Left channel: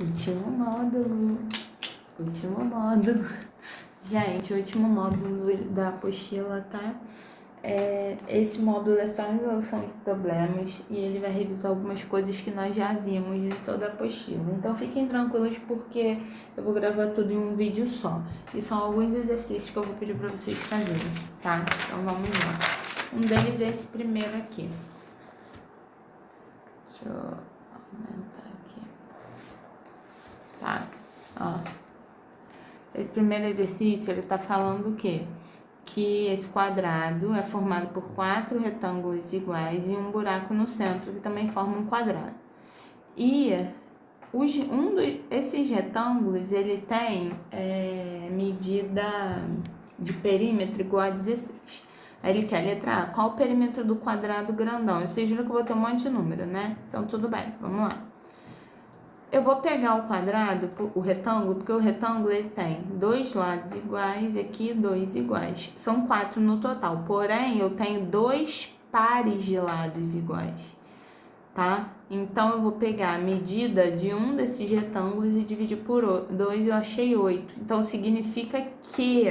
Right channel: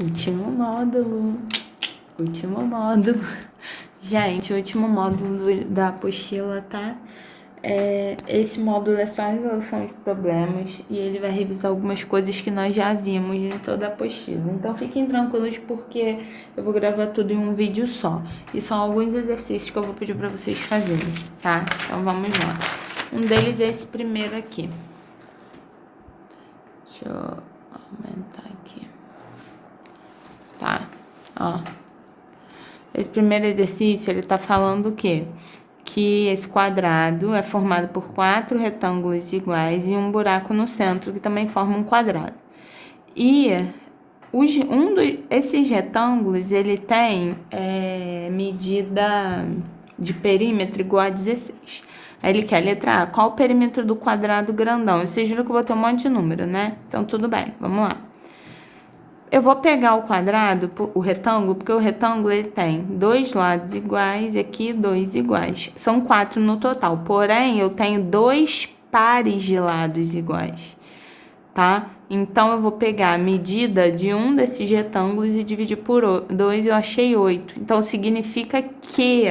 Último módulo. Último módulo. Gente, o último módulo da apostila, tá? Esse módulo é só a resolução de problemas e ele vai revisar algumas coisas que nós já vimos em toda a apostila. Então fiquem tranquilos porque eu vou gravar tudo em um vídeo só. E são alguns exercícios que eu vou pedir para vocês fazerem, tá? Então vamos lá. Um deles é esse primeiro aqui. Deixa eu aumentar aqui. Tá, ó. Esse primeiro exercício, ele tá falando o quê? Que esse quadrado é formado por 4 retângulos iguais e um buraco no centro, que também forma um quadrado. E esses retângulos, ele tem medida de perímetro igual a 16. Aí ele quer, letra A, qual o perímetro do quadrado grandão? Vocês viram que eu botei um monte de número, né? Então, tudo bem, vamos lá. Eu vou pegar o quadrado, o retângulo, porque o retângulo ele tem 2 lados iguais e aqui 2 iguais. São 4 no total, porém eu tenho 2 pares de lados iguais, tá? Então eu vou pegar a medida de um desses retângulos e dividir por 2, eu achei 8. Então significa que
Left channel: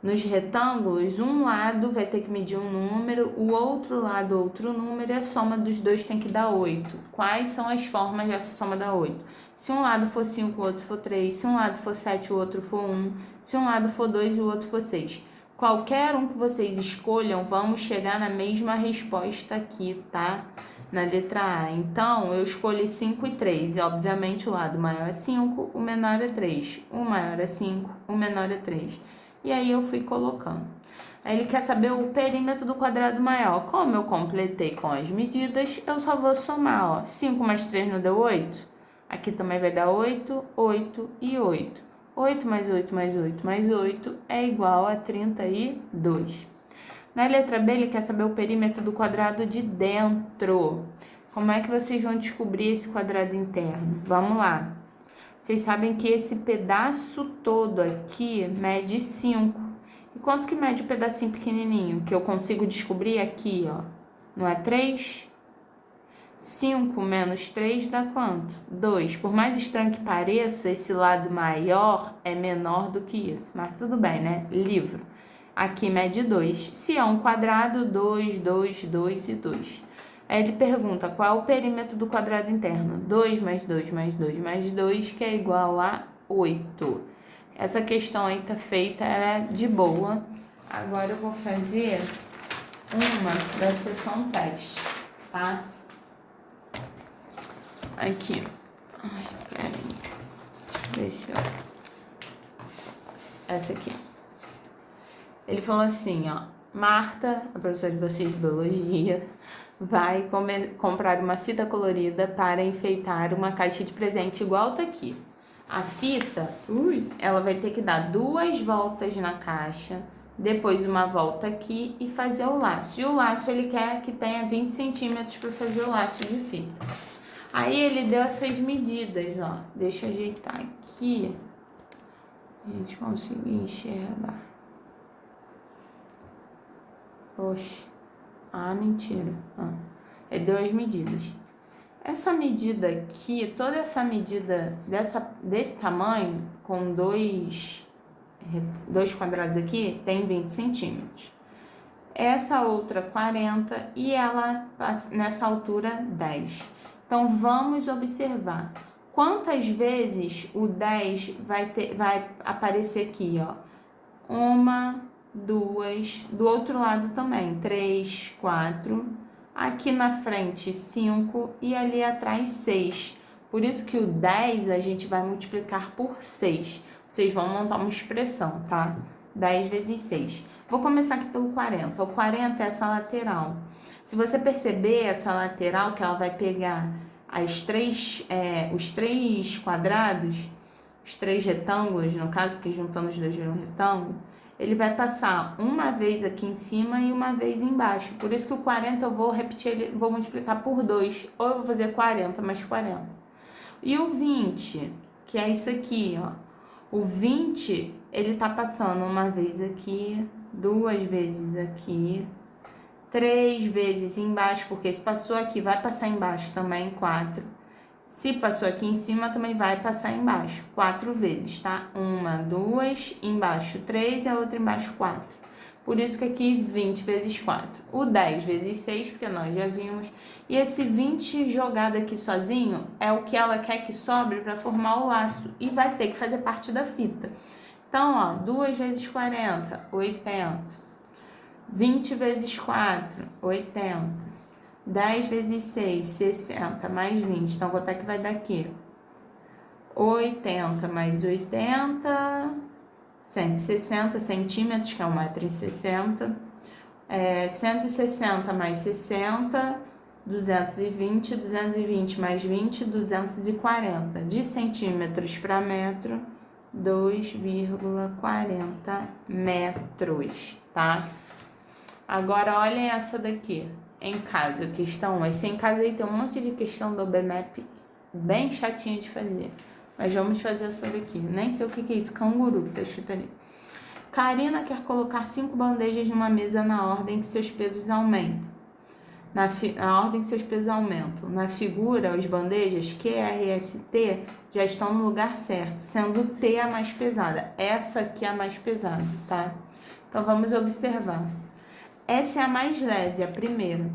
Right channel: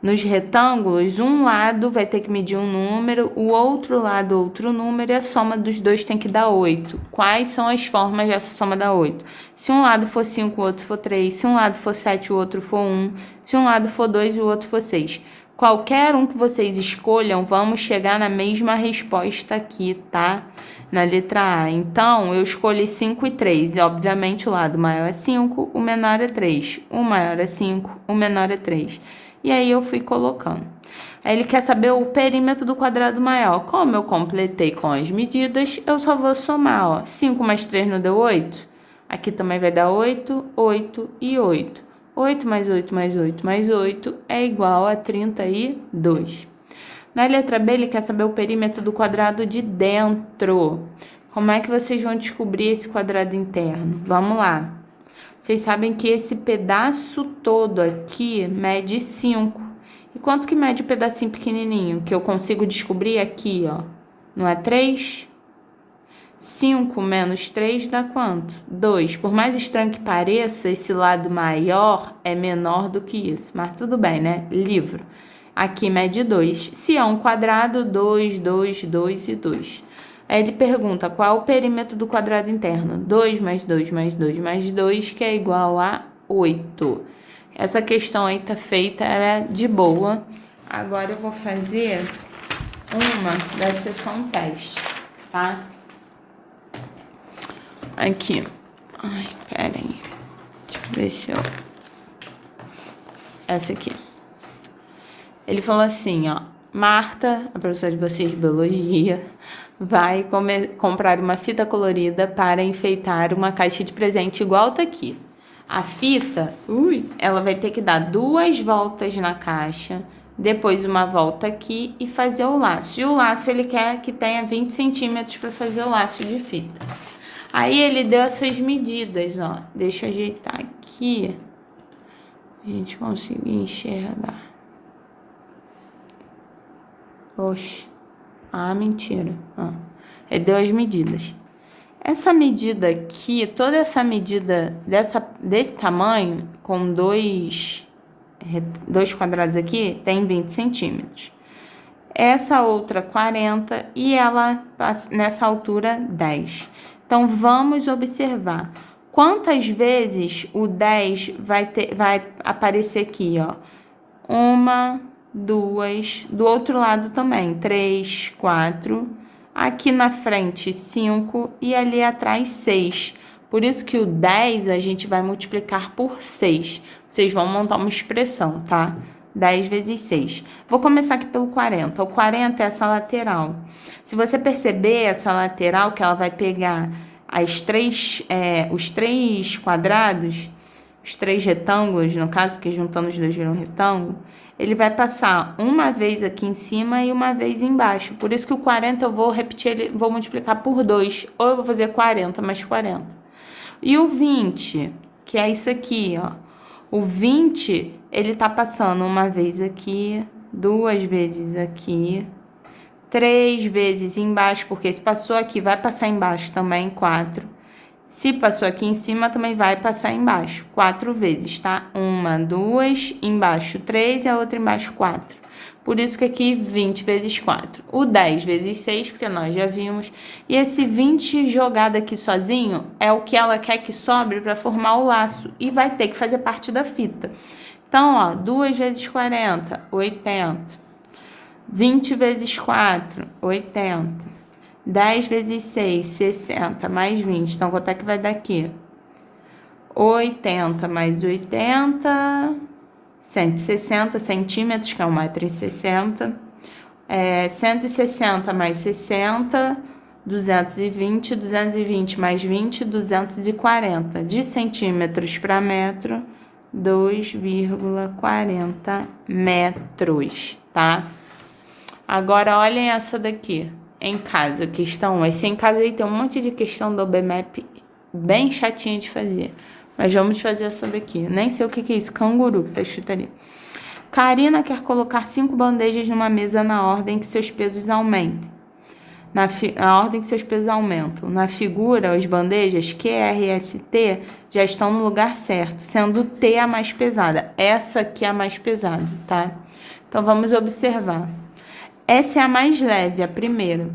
nos retângulos, um lado vai ter que medir um número, o outro lado outro número, e a soma dos dois tem que dar 8. Quais são as formas dessa soma dar 8? Se um lado for 5, o outro for 3. Se um lado for 7, o outro for 1. Se um lado for 2 e o outro for 6. Qualquer um que vocês escolham, vamos chegar na mesma resposta aqui, tá? Na letra A. Então, eu escolhi 5 e 3. E, obviamente, o lado maior é 5, o menor é 3. O maior é 5, o menor é 3. E aí eu fui colocando. Aí ele quer saber o perímetro do quadrado maior. Como eu completei com as medidas, eu só vou somar, ó. 5 mais 3 não deu 8? Aqui também vai dar 8, 8 e 8. 8 mais 8 mais 8 mais 8 é igual a 32. Na letra B, ele quer saber o perímetro do quadrado de dentro. Como é que vocês vão descobrir esse quadrado interno? Vamos lá. Vocês sabem que esse pedaço todo aqui mede 5. E quanto que mede o pedacinho pequenininho? Que eu consigo descobrir aqui, ó. Não é 3? 5 menos 3 dá quanto? 2. Por mais estranho que pareça, esse lado maior é menor do que isso. Mas tudo bem, né? Livro. Aqui mede 2. Se é um quadrado, 2, 2, 2 e 2. Aí ele pergunta qual o perímetro do quadrado interno? 2 mais 2 mais 2 mais 2, que é igual a 8. Essa questão aí tá feita, ela é de boa. Agora eu vou fazer uma da seção teste, tá? Aqui. Ai, peraí. Deixa eu ver se eu... Essa aqui. Ele falou assim, ó. Marta, a professora de vocês de biologia, vai comprar uma fita colorida para enfeitar uma caixa de presente igual tá aqui. A fita, ela vai ter que dar 2 voltas na caixa, depois uma volta aqui e fazer o laço. E o laço ele quer que tenha 20 centímetros para fazer o laço de fita. Aí ele deu essas medidas, ó. Deixa eu ajeitar aqui. A gente conseguir enxergar. Oxe. Ah, mentira. Ele deu as medidas. Essa medida aqui, toda essa medida desse tamanho, com dois quadrados aqui, tem 20 centímetros. Essa outra 40 e ela, nessa altura, 10. Então, vamos observar. Quantas vezes o 10 vai aparecer aqui, ó? 1, 2, do outro lado também, 3, 4, aqui na frente 5 e ali atrás 6. Por isso que o 10 a gente vai multiplicar por 6. Vocês vão montar uma expressão, tá? 10 vezes 6. Vou começar aqui pelo 40. O 40 é essa lateral. Se você perceber essa lateral, que ela vai pegar os 3 quadrados, os 3 retângulos, no caso, porque juntando os dois viram um retângulo, ele vai passar uma vez aqui em cima e uma vez embaixo. Por isso que o 40 eu vou repetir, vou multiplicar por 2. Ou eu vou fazer 40 mais 40. E o 20, que é isso aqui, ó. O 20, ele tá passando uma vez aqui, 2 vezes aqui, 3 vezes embaixo, porque se passou aqui, vai passar embaixo também, 4. Se passou aqui em cima, também vai passar embaixo. 4 vezes, tá? 1, 2, embaixo 3 e a outra embaixo 4. Por isso que aqui 20 vezes 4. O 10 vezes 6, porque nós já vimos. E esse 20 jogado aqui sozinho é o que ela quer que sobre para formar o laço. E vai ter que fazer parte da fita. Então, ó, 2 vezes 40, 80. 20 vezes 4, 80. 10 vezes 6, 60, mais 20. Então, quanto é que vai dar aqui? 80 mais 80, 160 centímetros, que é 1,60 m. 160 mais 60, 220. 220 mais 20, 240. De centímetros para metro, 2,40 metros, tá? Agora, olhem essa daqui. Em casa, questão 1. Esse em casa aí tem um monte de questão do OBMAP bem chatinha de fazer. Mas vamos fazer essa daqui. Nem sei o que é isso. Canguru, que tá escrito ali. Karina quer colocar 5 bandejas numa mesa na ordem que seus pesos aumentem. Na ordem que seus pesos aumentam. Na figura, as bandejas Q, R, S, T já estão no lugar certo, sendo T a mais pesada. Essa aqui é a mais pesada, tá? Então, vamos observar. Essa é a mais leve, a primeira.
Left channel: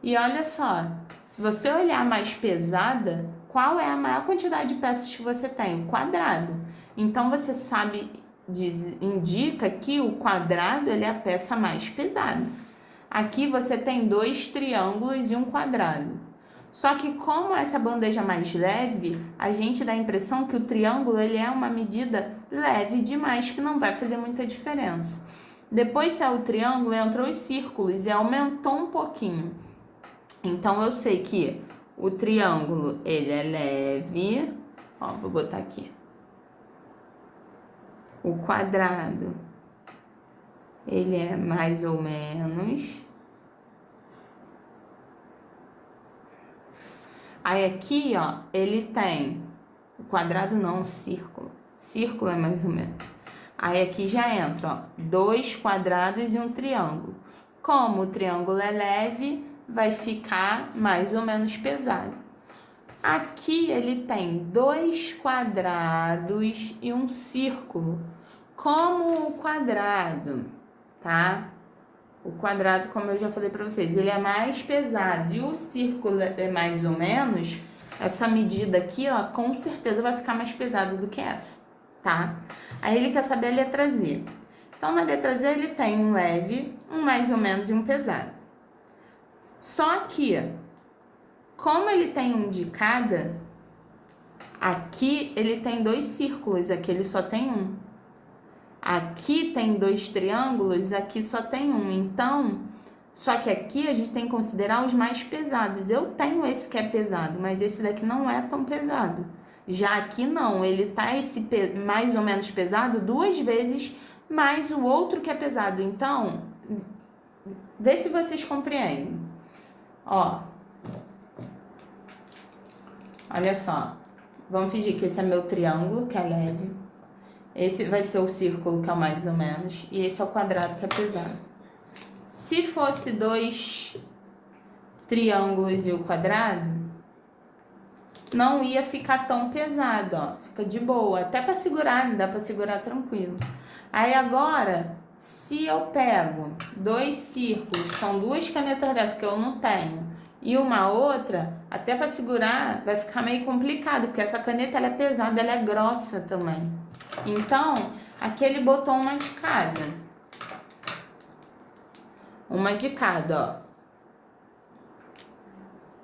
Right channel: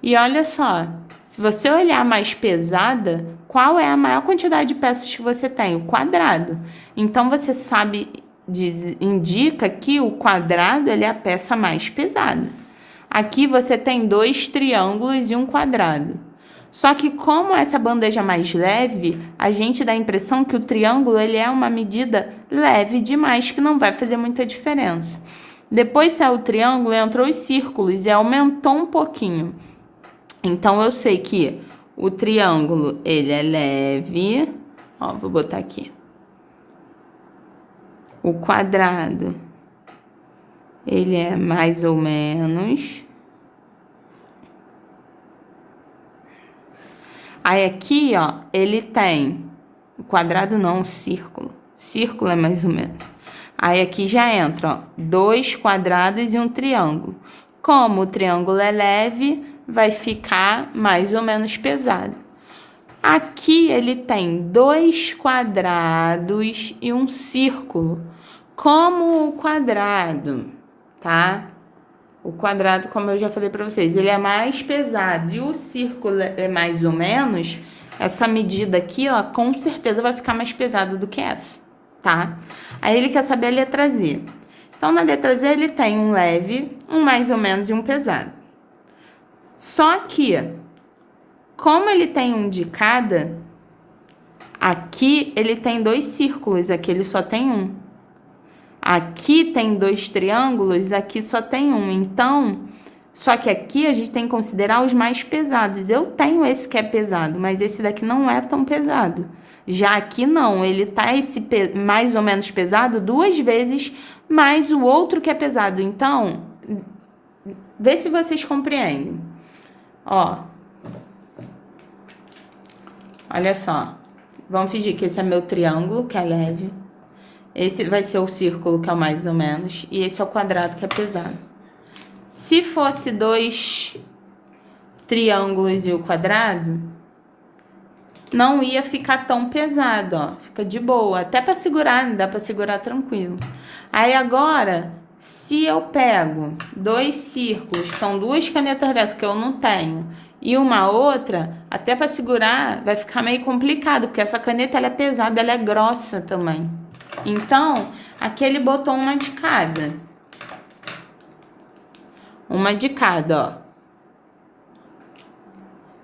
E olha só, se você olhar a mais pesada, qual é a maior quantidade de peças que você tem? O quadrado. Então, você sabe, indica que o quadrado ele é a peça mais pesada. Aqui você tem 2 triângulos e um quadrado. Só que como essa bandeja é mais leve, a gente dá a impressão que o triângulo ele é uma medida leve demais, que não vai fazer muita diferença. Depois saiu o triângulo, entrou os círculos e aumentou um pouquinho. Então, eu sei que o triângulo, ele é leve. Ó, vou botar aqui. O quadrado, ele é mais ou menos. Aí, aqui, ó, ele tem... O quadrado não, o círculo. Círculo é mais ou menos. Aí, aqui já entra, ó, 2 quadrados e um triângulo. Como o triângulo é leve, vai ficar mais ou menos pesado. Aqui, ele tem 2 quadrados e um círculo. Como o quadrado, tá? O quadrado, como eu já falei para vocês, ele é mais pesado. E o círculo é mais ou menos... Essa medida aqui, ó, com certeza vai ficar mais pesada do que essa, tá? Aí ele quer saber a letra Z. Então, na letra Z, ele tem um leve, um mais ou menos e um pesado. Só que, como ele tem um de cada, aqui ele tem 2 círculos, aqui ele só tem um. Aqui tem 2 triângulos, aqui só tem um. Então, só que aqui a gente tem que considerar os mais pesados. Eu tenho esse que é pesado, mas esse daqui não é tão pesado. Já aqui não, ele tá esse mais ou menos pesado 2 vezes mais o outro que é pesado. Então, vê se vocês compreendem. Ó, olha só. Vamos fingir que esse é meu triângulo, que é leve. Esse vai ser o círculo, que é o mais ou menos. E esse é o quadrado, que é pesado. Se fosse 2 triângulos e o quadrado, não ia ficar tão pesado, ó. Fica de boa. Até para segurar, dá para segurar tranquilo. Aí agora, se eu pego 2 círculos, são 2 canetas dessas que eu não tenho, e uma outra, até para segurar, vai ficar meio complicado, porque essa caneta ela é pesada, ela é grossa também. Então, aqui ele botou uma de cada. Uma de cada, ó.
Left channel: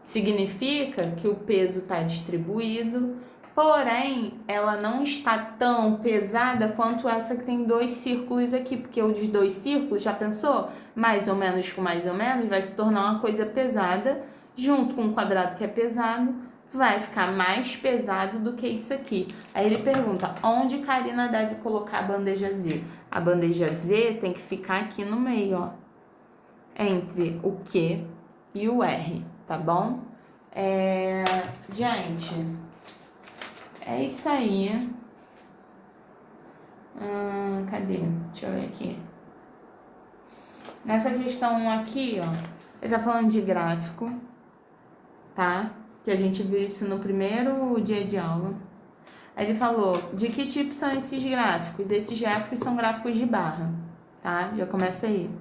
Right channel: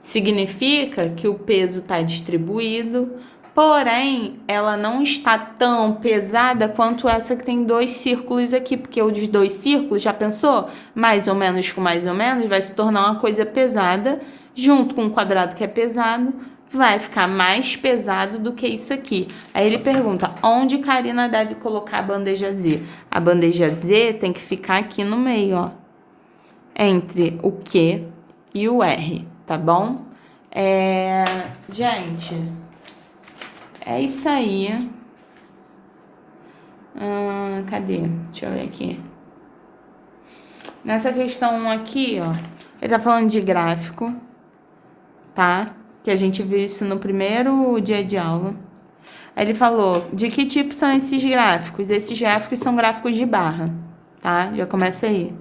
Significa que o peso está distribuído, porém, ela não está tão pesada quanto essa que tem 2 círculos aqui, porque o dos 2 círculos, já pensou? Mais ou menos com mais ou menos, vai se tornar uma coisa pesada, junto com o quadrado que é pesado, vai ficar mais pesado do que isso aqui. Aí ele pergunta, onde Karina deve colocar a bandeja Z? A bandeja Z tem que ficar aqui no meio, ó. Entre o Q e o R, tá bom? Gente, é isso aí. Cadê? Deixa eu ver aqui. Nessa questão aqui, ó, ele tá falando de gráfico, tá? que a gente viu isso no primeiro dia de aula. Ele falou, de que tipo são esses gráficos? Esses gráficos são gráficos de barra, tá? Já começa aí.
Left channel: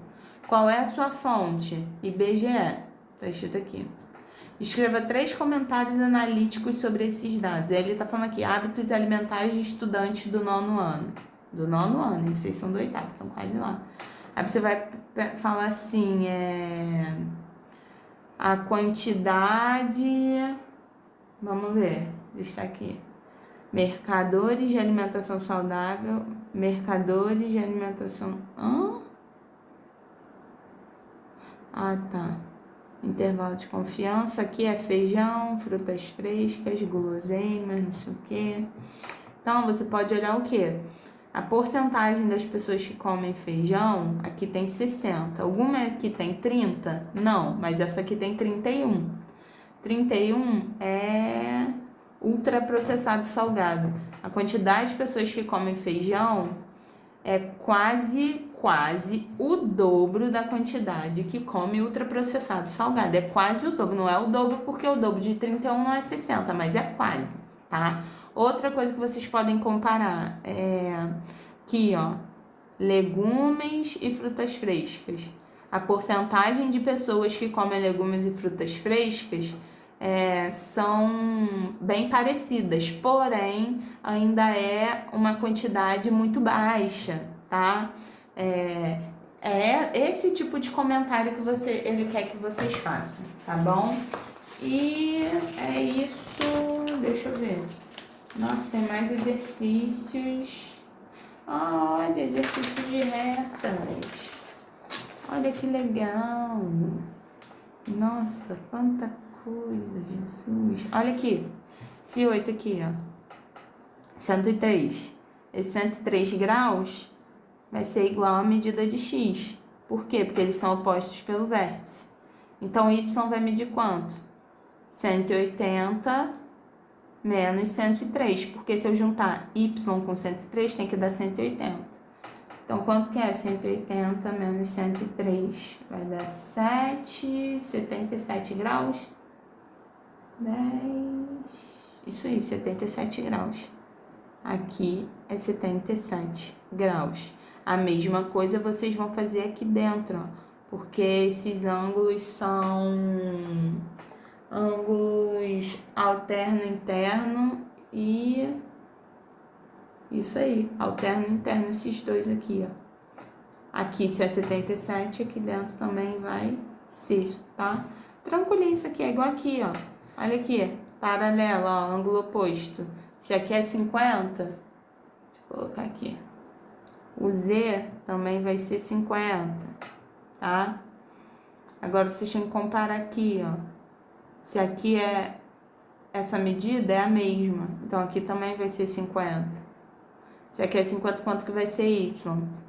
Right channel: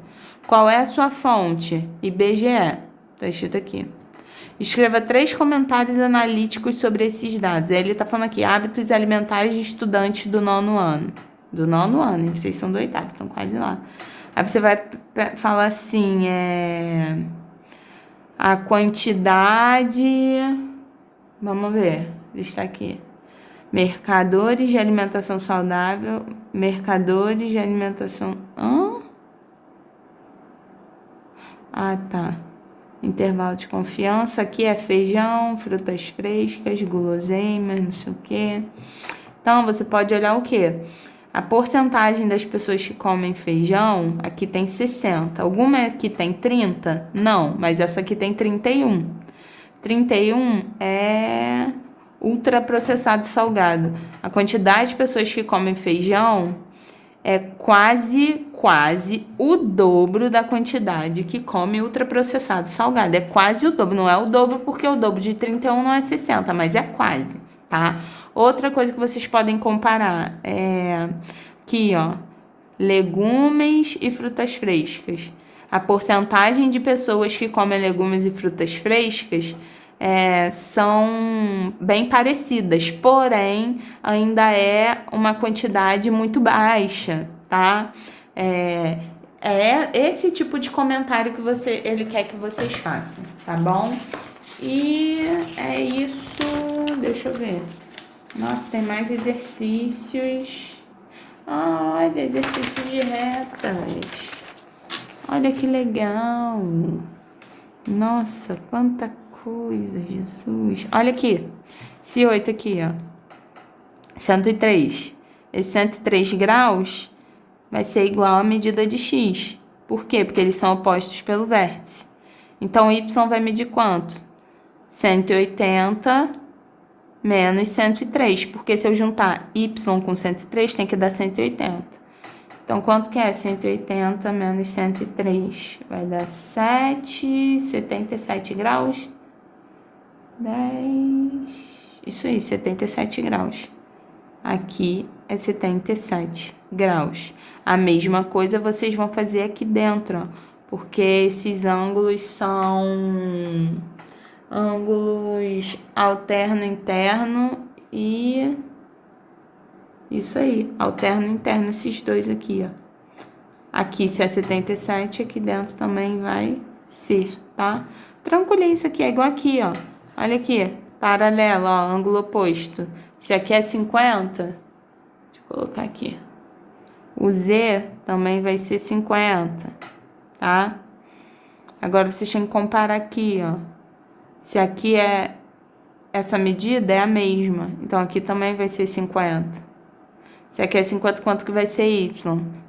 Qual é a sua fonte? IBGE. Tá escrito aqui. Escreva 3 comentários analíticos sobre esses dados. Aí ele tá falando aqui, hábitos alimentares de estudantes do 9º ano. Do 9º ano, hein? Vocês são do 8º, estão quase lá. Aí você vai falar assim, a quantidade... Vamos ver, está aqui. Mercadores de alimentação saudável, mercadores de alimentação... Ah, tá. Intervalo de confiança, aqui é feijão, frutas frescas, guloseimas, não sei o quê. Então, você pode olhar o quê? A porcentagem das pessoas que comem feijão, aqui tem 60. Alguma aqui tem 30? Não, mas essa aqui tem 31. 31 é ultraprocessado salgado. A quantidade de pessoas que comem feijão é quase o dobro da quantidade que come ultraprocessado salgado. É quase o dobro, não é o dobro porque o dobro de 31 não é 60, mas é quase, tá? Outra coisa que vocês podem comparar é aqui, ó, legumes e frutas frescas. A porcentagem de pessoas que comem legumes e frutas frescas são bem parecidas, porém ainda é uma quantidade muito baixa, tá? É esse tipo de comentário que ele quer que vocês façam, tá bom? E é isso, deixa eu ver. Nossa, tem mais exercícios. Olha, exercício de retas. Olha que legal. Nossa, quanta coisa, Jesus. Olha aqui, esse 8 aqui, ó. 103. Esse 103 graus vai ser igual à medida de x. Por quê? Porque eles são opostos pelo vértice. Então, y vai medir quanto? 180 menos 103. Porque se eu juntar y com 103, tem que dar 180. Então, quanto que é 180 menos 103? Vai dar 77 graus. 10... Isso aí, 77 graus. Aqui é 77 graus. A mesma coisa vocês vão fazer aqui dentro, ó, porque esses ângulos são ângulos alterno-interno e... Isso aí, alterno-interno, esses dois aqui, ó. Aqui se é 77, aqui dentro também vai ser, tá? Tranquilinho, isso aqui é igual aqui, ó. Olha aqui, paralelo, ó, ângulo oposto. Se aqui é 50, deixa eu colocar aqui. O Z também vai ser 50, tá? Agora, vocês têm que comparar aqui, ó. Se aqui é... Essa medida é a mesma, então aqui também vai ser 50. Se aqui é 50, quanto que vai ser y?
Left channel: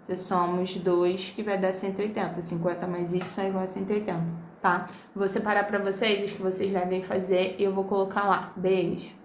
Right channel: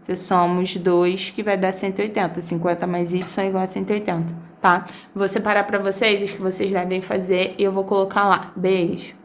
Se somos 2, que vai dar 180. 50 mais y é igual a 180, tá? Vou separar para vocês os que vocês devem fazer e eu vou colocar lá. Beijo!